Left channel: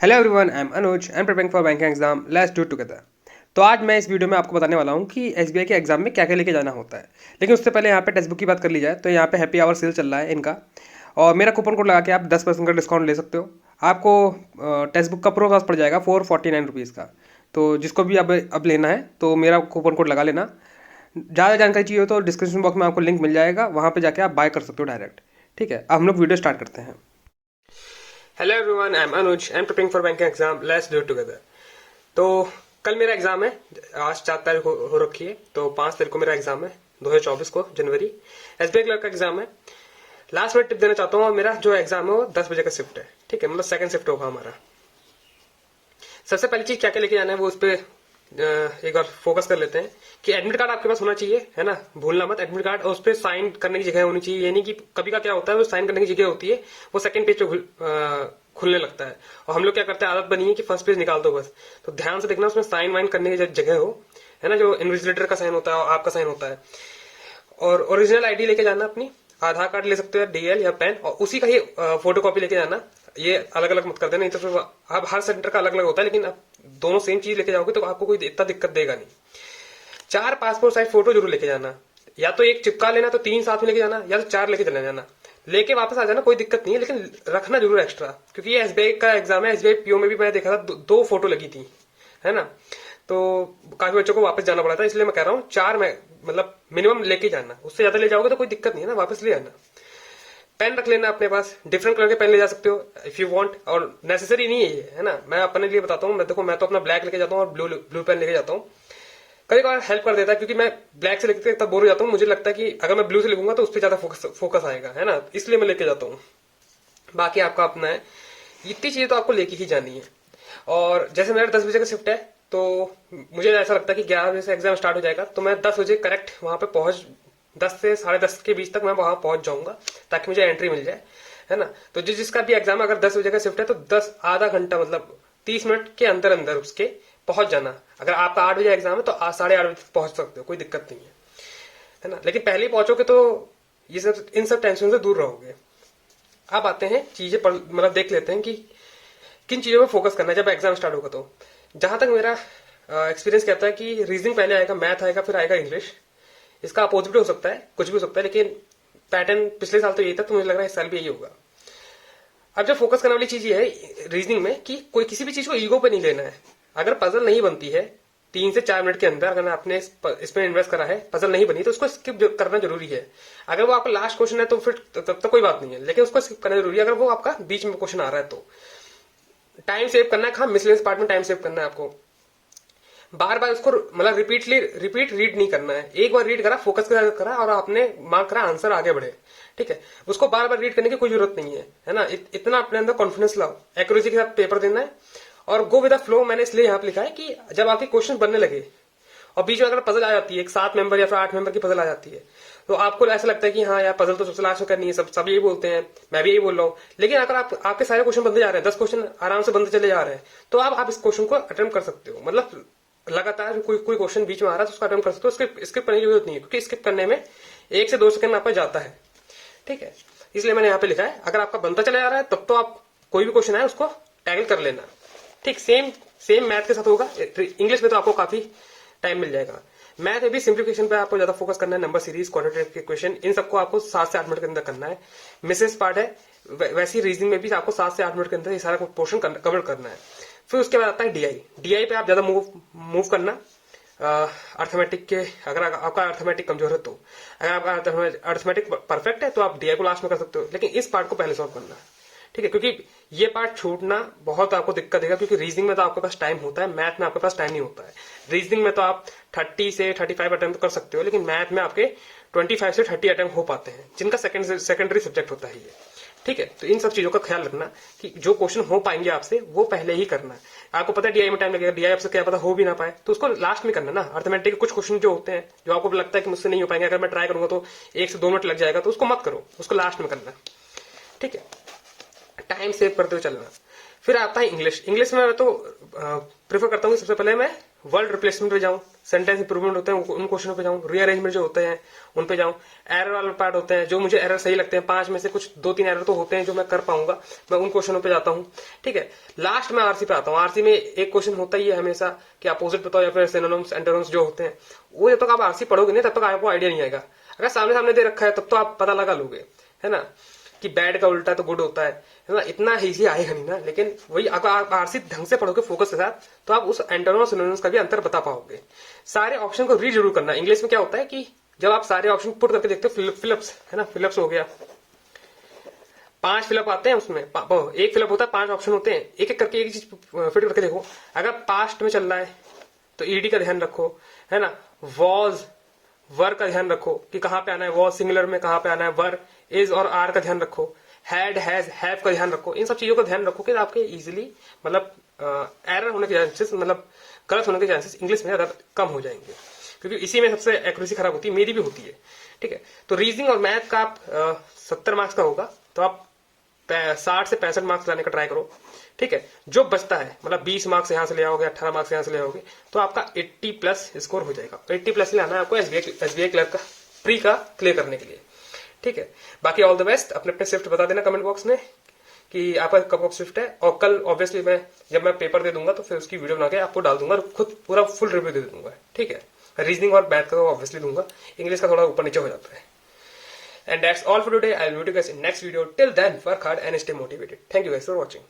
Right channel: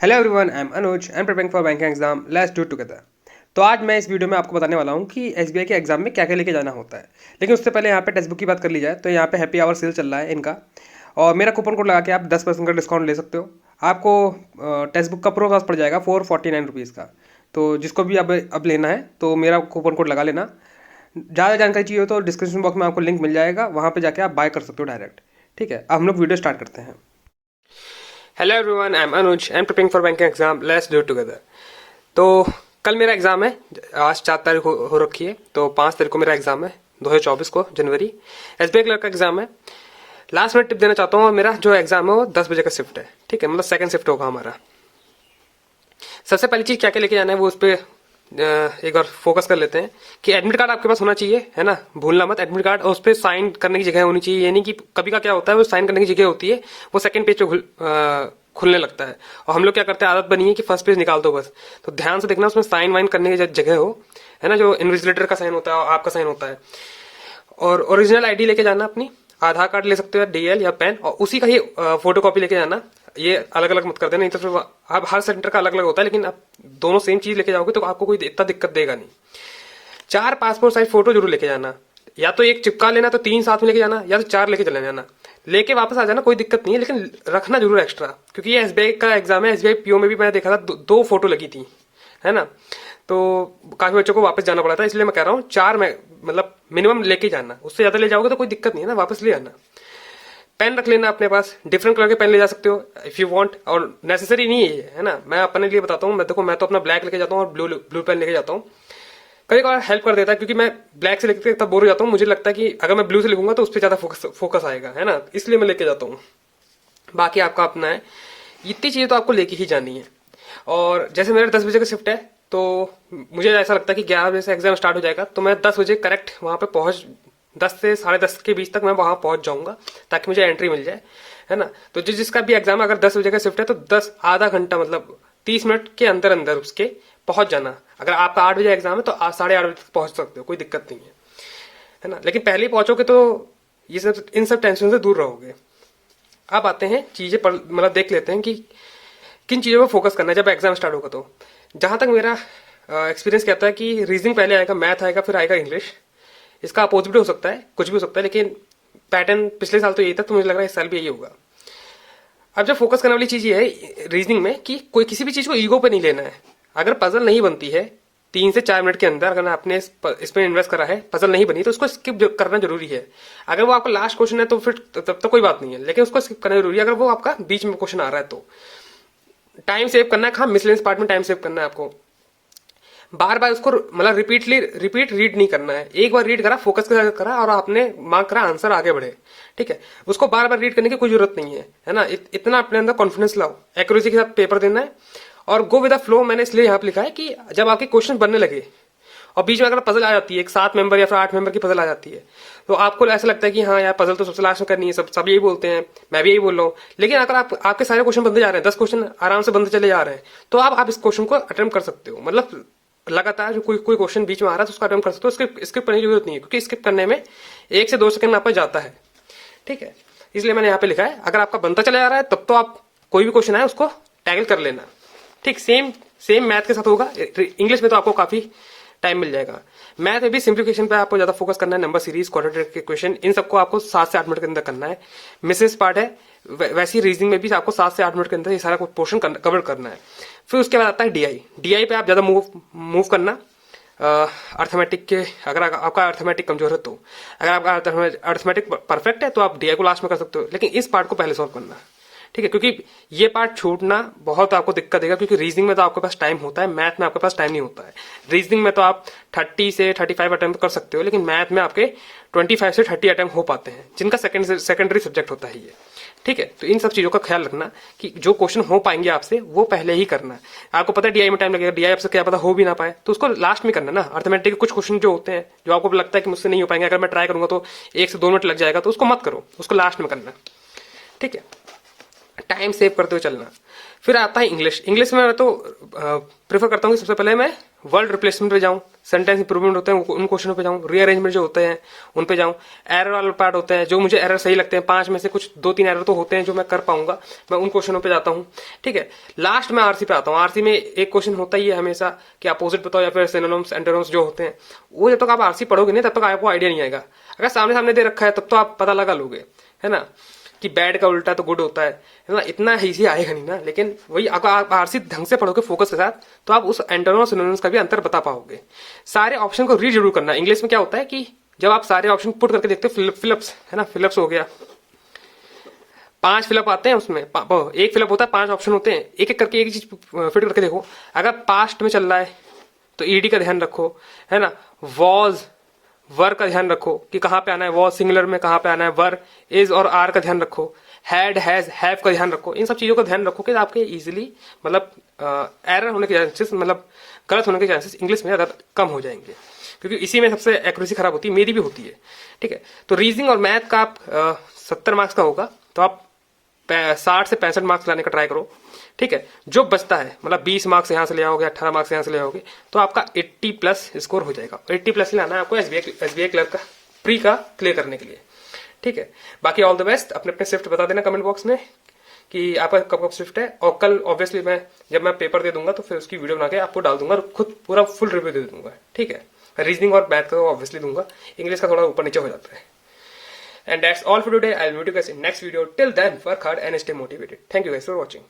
Hello everyone, I am Anuj and preparing for banking exam. Let's do together. तो आज मैं इस video में आपको बताने वाला हूँ कि एसबीआई के एग्जाम में क्या क्या लेके जाना होता है। लेकिन उससे पहले यहाँ पे टेक्स्ट बुक की बात कर ली जाए तो यहाँ पे हैप्पी आवर सेल चल रहा है इनका, और मेरा कूपन कोड लगा के आप 10% का डिस्काउंट ले सकते हो। आपको टेक्स्ट बुक का प्रो कॉस्ट पड़ जाएगा 449 रुपीज़ का। तो जिसको भी अब लेना है तो मेरा कूपन कोड लगा लेना। ज़्यादा जानकारी चाहिए हो तो डिस्क्रिप्शन बॉक्स में आपको लिंक मिल जाएगा, वहाँ पे जाके आप बाय कर सकते हो डायरेक्ट। ठीक है, अब हम लोग वीडियो स्टार्ट करते हैं। Hello everyone, I am Anuj and preparing for banking exam. Let's do it together. तो कल मेरा एग्जाम है, आज 4 तारीख हो रखी है, तो 5 तारीख को मेरा एग्जाम है, 2024 को जनवरी। एसबीआई क्लर्क का एग्जाम है। लास्ट में टिप देना चाहता हूँ, मेरा जो एग्जाम है वो 10 बजे का शिफ्ट है। ठीक है, मतलब सेकंड शिफ्ट होगा हमारा। सबसे पहली चीज क्या क्या लेके जाना है वो उस पर एक बार फोकस कर लेते हैं कि एडमिट कार्ड आपके पास होना चाहिए, है ना, भूलना मत एडमिट कार्ड। और उस पर साइन करने की जगह होनी चाहिए। ये नहीं कि कभी का क्या होता है, वो साइन करने की जगह होती है, वो सेकंड पेज पे खुलने लगता है, और हम लोग क्या करते हैं, आदत बनी है कि फर्स्ट पेज निकाल दो बस। तो ध्यान से देखना उसमें साइन वाइन करने की जगह हो, है ना, जो इन्विजिलेटर का साइन होता है और आपका साइन होता है। और ओरिजिनल आईडी लेके जाना अपनी, आधार कार्ड ले सकते हो, डीएल या पेन, और उसी का ही फोटो कॉपी लेके जाना। ये अलग अलग मत कर देना, नहीं तो फिर अब हर सेंटर का अलग अलग होता है, लेकिन आप दोनों सेम चीज लेके जाओगे तो आपको कोई इतना दिक्कत देगा नहीं। 4 पासपोर्ट साइज फोटो जरूर लेके जाना। या तो एक चिपका लेना तो 3 साथ में लेके जाना, या तो 4 लेके चले जाना। लेके वापस आ जाना, कोई दिक्कत नहीं है, लेकिन रखना जरूर एक्स्ट्रा, क्योंकि ये एसबीआई का एग्जाम है। एसबीआई पीओ में भी मैंने देखा था, दो फोटो लगी थी, है ना। तो काफी बच्चों को वापस जाना पड़ा था, इसलिए मैं कह रहा हूँ 4 में मतलब मिनिमम लेके जाना। उससे ज्यादा ले जाओगे तो कोई दिक्कत नहीं है ना, वापस ले आना। पेन रख लेना अपने पास, डिफरेंट कलर के पेन ले जा सकते हो इफ यू वांट, और नेसेसरी नहीं है ये, है ना। मैं अपने लिए बताता हूँ, मैं देखो मैं तो अपना ब्लैक लेके जाता हूँ और ब्लू पेन लेके जाता हूँ। कई बार हेल्प कर देता है, क्योंकि मैं ब्लैक से लिखते तब बोर हो जाता हूँ। मुझे लगता है कि अगर मैं ब्लू से लिखूंगा तो उस पर ज्यादा फोकस आएगा, है ना, इसलिए मैं लेके जाता हूँ। बाकी आपका अपना है, इतनी चीजें तो आपको लेके ही जानी है। और जैसे मेरा 10 बजे का शिफ्ट है, तो मुझे ऐसा लगता है कि 11 बजे से एग्जाम स्टार्ट हो जाएगा, तो मैं 10 बजे करेक्ट वहां पे पहुंच, 10 से 10:30 के बीच तक मैं वहां पहुंच जाऊंगा, ताकि मुझे एंट्री मिल जाए, है ना। तो जिसका भी एग्जाम अगर 10 बजे का शिफ्ट है तो 10 आधा घंटा मतलब 30 मिनट के अंदर अंदर उसके पहुंच जाना। अगर आपका 8 बजे एग्जाम है तो 8:30 बजे तक पहुंच सकते हो, कोई दिक्कत नहीं है ना। लेकिन पहले ही पहुंचोगे तो ये सब इन सब टेंशन से दूर रहोगे। अब आते हैं चीजें मतलब देख लेते हैं कि किन चीजों पर फोकस करना है जब एग्जाम स्टार्ट होगा। तो जहां तक मेरा एक्सपीरियंस कहता है कि रीजनिंग पहले आएगा, मैथ आएगा, फिर आएगा इंग्लिश। इसका अपोजिट हो सकता है, कुछ भी हो सकता है, लेकिन पैटर्न पिछले साल तो यही था, तो मुझे लग रहा है इस साल भी यही होगा। अब जो फोकस करने वाली चीज ये है रीजनिंग में कि कोई किसी भी चीज को ईगो पे नहीं लेना है। अगर पजल नहीं बनती है 3 से 4 मिनट के अंदर, अगर आपने इसमें इन्वेस्ट करा है, पजल नहीं बनी तो उसको स्किप करना जरूरी है। अगर वो आपका लास्ट क्वेश्चन है तो फिर तब तो कोई बात नहीं है, लेकिन उसको स्किप करना जरूरी है अगर वो आपका बीच में क्वेश्चन आ रहा है तो। टाइम सेव करना है, हाँ, मिसलेनियस पार्ट में टाइम सेव करना है आपको। बार बार उसको मतलब रिपीट रीड नहीं करना है। एक बार रीड करा, फोकस के साथ करा और आपने मार्क करा, आंसर आगे बढ़े। ठीक है, उसको बार बार रीड करने की कोई जरूरत नहीं है ना। इतना अपने अंदर कॉन्फिडेंस लाओ, एक्यूरेसी के साथ पेपर देना है और गो विद द फ्लो। मैंने इसलिए यहाँ पे लिखा है कि जब आपके क्वेश्चन बनने लगे और बीच में अगर पजल आ जाती है, एक 7 मेंबर या फिर 8 मेंबर की पजल आ जाती है, तो आपको ऐसा लगता है कि हाँ यार पजल तो सबसे लास्ट में करनी है, सब यही बोलते हैं, मैं भी यही बोल रहा हूँ। लेकिन अगर आपके सारे क्वेश्चन बनते जा रहे हैं, 10 क्वेश्चन आराम से बनते चले जा रहे हैं, तो आप इस क्वेश्चन को अटेम्प्ट कर सकते हो। मतलब लगातार जो कोई क्वेश्चन बीच में आ रहा है तो उसको अटेम्प्ट कर सकते हो। स्किप करने की जरूरत नहीं है, क्योंकि स्किप करने में 1 से 2 सेकंड आपका जाता है। ठीक है, इसलिए मैंने यहाँ पे लिखा है अगर आपका बनता चला जा रहा है तब तो आप कोई भी क्वेश्चन आए उसको टैकल कर लेना। ठीक, सेम मैथ के साथ होगा। इंग्लिश में तो आपको काफी टाइम मिल जाएगा। मैथ में भी सिंप्लीफिकेशन पे आपको ज्यादा फोकस करना है, नंबर सीरीज, क्वाड्रेटिक इक्वेशन, इन सबको आपको 7 से 8 मिनट के अंदर करना है। मिसेस पार्ट है, वैसी रीजनिंग में भी आपको 7 से 8 मिनट के अंदर ये सारा पोर्शन कवर करना है। फिर उसके बाद आता है डीआई पे आप ज्यादा मूव करना। अर्थमेटिक के अगर आपका अर्थमेटिक कमजोर है तो, अगर आपका अर्थमेटिक परफेक्ट है तो आप डीआई को लास्ट में कर सकते हो, लेकिन इस पार्ट को पहले सॉल्व करना। ठीक है, क्योंकि ये पार्ट छूटना बहुत आपको दिक्कत देगा, क्योंकि रीजनिंग में तो आपके पास टाइम होता है, मैथ में आपके पास टाइम नहीं होता है। रीजनिंग में तो आप 30 से 35 अटेम्प्ट कर सकते हो, लेकिन मैथ में आपके 25 से 30 अटेम्प्ट हो पाते हैं, जिनका सेकेंडरी सब्जेक्ट होता है ये। ठीक है, तो इन सब चीजों का ख्याल रखना कि जो क्वेश्चन हो पाएंगे आपसे वो पहले ही करना है। आपको पता है डीआई में टाइम लगेगा, डीआई आपसे क्या पता हो भी ना पाए, तो उसको लास्ट में करना ना। अर्थमेटिक के कुछ क्वेश्चन जो होते हैं जो आपको लगता है कि मुझसे नहीं हो पाएंगे, अगर मैं ट्राई करूंगा तो 1 से 2 मिनट लग जाएगा, तो उसको मत करो, उसको लास्ट में करना। ठीक है, टाइम सेव करते हुए चलना। फिर आता है इंग्लिश। इंग्लिश में मैं तो प्रेफर करता हूँ कि सबसे पहले मैं वर्ड रिप्लेसमेंट पे जाऊं, सेंटेंस इंप्रूवमेंट होते हैं उन क्वेश्चनों पे जाऊँ, रीअरेंजमेंट जो होते हैं उन पे जाऊँ, एरर वाले पार्ट होते हैं जो मुझे एरर सही लगते हैं, 5 में से कुछ 2-3 एरर तो होते हैं जो मैं कर पाऊंगा, मैं उन क्वेश्चनों पे जाता हूँ। ठीक है, लास्ट में आरसी पे आता हूँ। आरसी में एक क्वेश्चन होता ही है हमेशा कि अपोजिट बताओ या फिर सिनोनिम्स एंटोनिम्स जो होते हैं, वो जब तक आप आरसी पढ़ोगे नहीं तब तक आपको आइडिया नहीं आएगा। अगर सामने सामने दे रखा है तब तो आप पता लगा लोगे, है ना, कि बैड का उल्टा तो गुड होता है ना, इतना इजी आएगा नहीं ना। लेकिन वही अगर आप आरसी ढंग से पढ़ोगे फोकस के साथ तो आप उस एंटोनिम और सिनोनिम्स का भी अंतर बता पाओगे। सारे ऑप्शन को रीड जरूर करना। इंग्लिश में क्या होता है कि जब आप सारे ऑप्शन पुट करके देखते हो, फिलअप्स है ना, फिलअप्स हो गया, 5 फिलअप आते हैं उसमें, एक फिलअप होता है, 5 ऑप्शन होते हैं, एक एक करके एक चीज फिट करके देखो। अगर पास्ट में चल रहा है तो ईडी का ध्यान रखो, है ना, वॉज वर का ध्यान रखो कि कहां पे आना है, वॉज सिंगुलर में कहां पे आना है, वर इज और आर का ध्यान रखो, हैड हैज हैव का ध्यान रखो। इन सब चीजों का ध्यान रखो कि आपके इजीली मतलब एरर होने के चांसेस, मतलब गलत होने के चांसेस इंग्लिश में ज्यादा कम हो जाएंगे, क्योंकि इसी में सबसे एक्यूरेसी खराब होती है, मेरी भी होती है। ठीक है, तो रीजनिंग और मैथ का आप 70 मार्क्स का होगा तो आप 60 से 65 मार्क्स लाने का ट्राई करो। ठीक है, जो बचता है मतलब 20 मार्क्स यहाँ से ले आओगे, 18 मार्क्स यहाँ से ले आओगे तो आपका 80 प्लस स्कोर हो जाएगा। 80 प्लस लाना है आपको एसबीआई क्लर्क का प्री का क्लियर करने के लिए। ठीक है, बाकी ऑल द बेस्ट। अपने अपने शिफ्ट बता देना कमेंट बॉक्स में कि आपका कब कब शिफ्ट है, और कल ऑब्वियसली मैं जब मैं पेपर दे दूंगा तो फिर उसकी वीडियो बना के आपको डाल दूंगा, खुद पूरा फुल रिव्यू दे दूंगा। ठीक है, रीजनिंग और मैथ का ऑब्वियसली दूंगा, इंग्लिश का थोड़ा ऊपर नीचे हो जाता है। And that's all for today. I'll meet you guys in next video. Till then, work hard and stay motivated. Thank you guys for watching.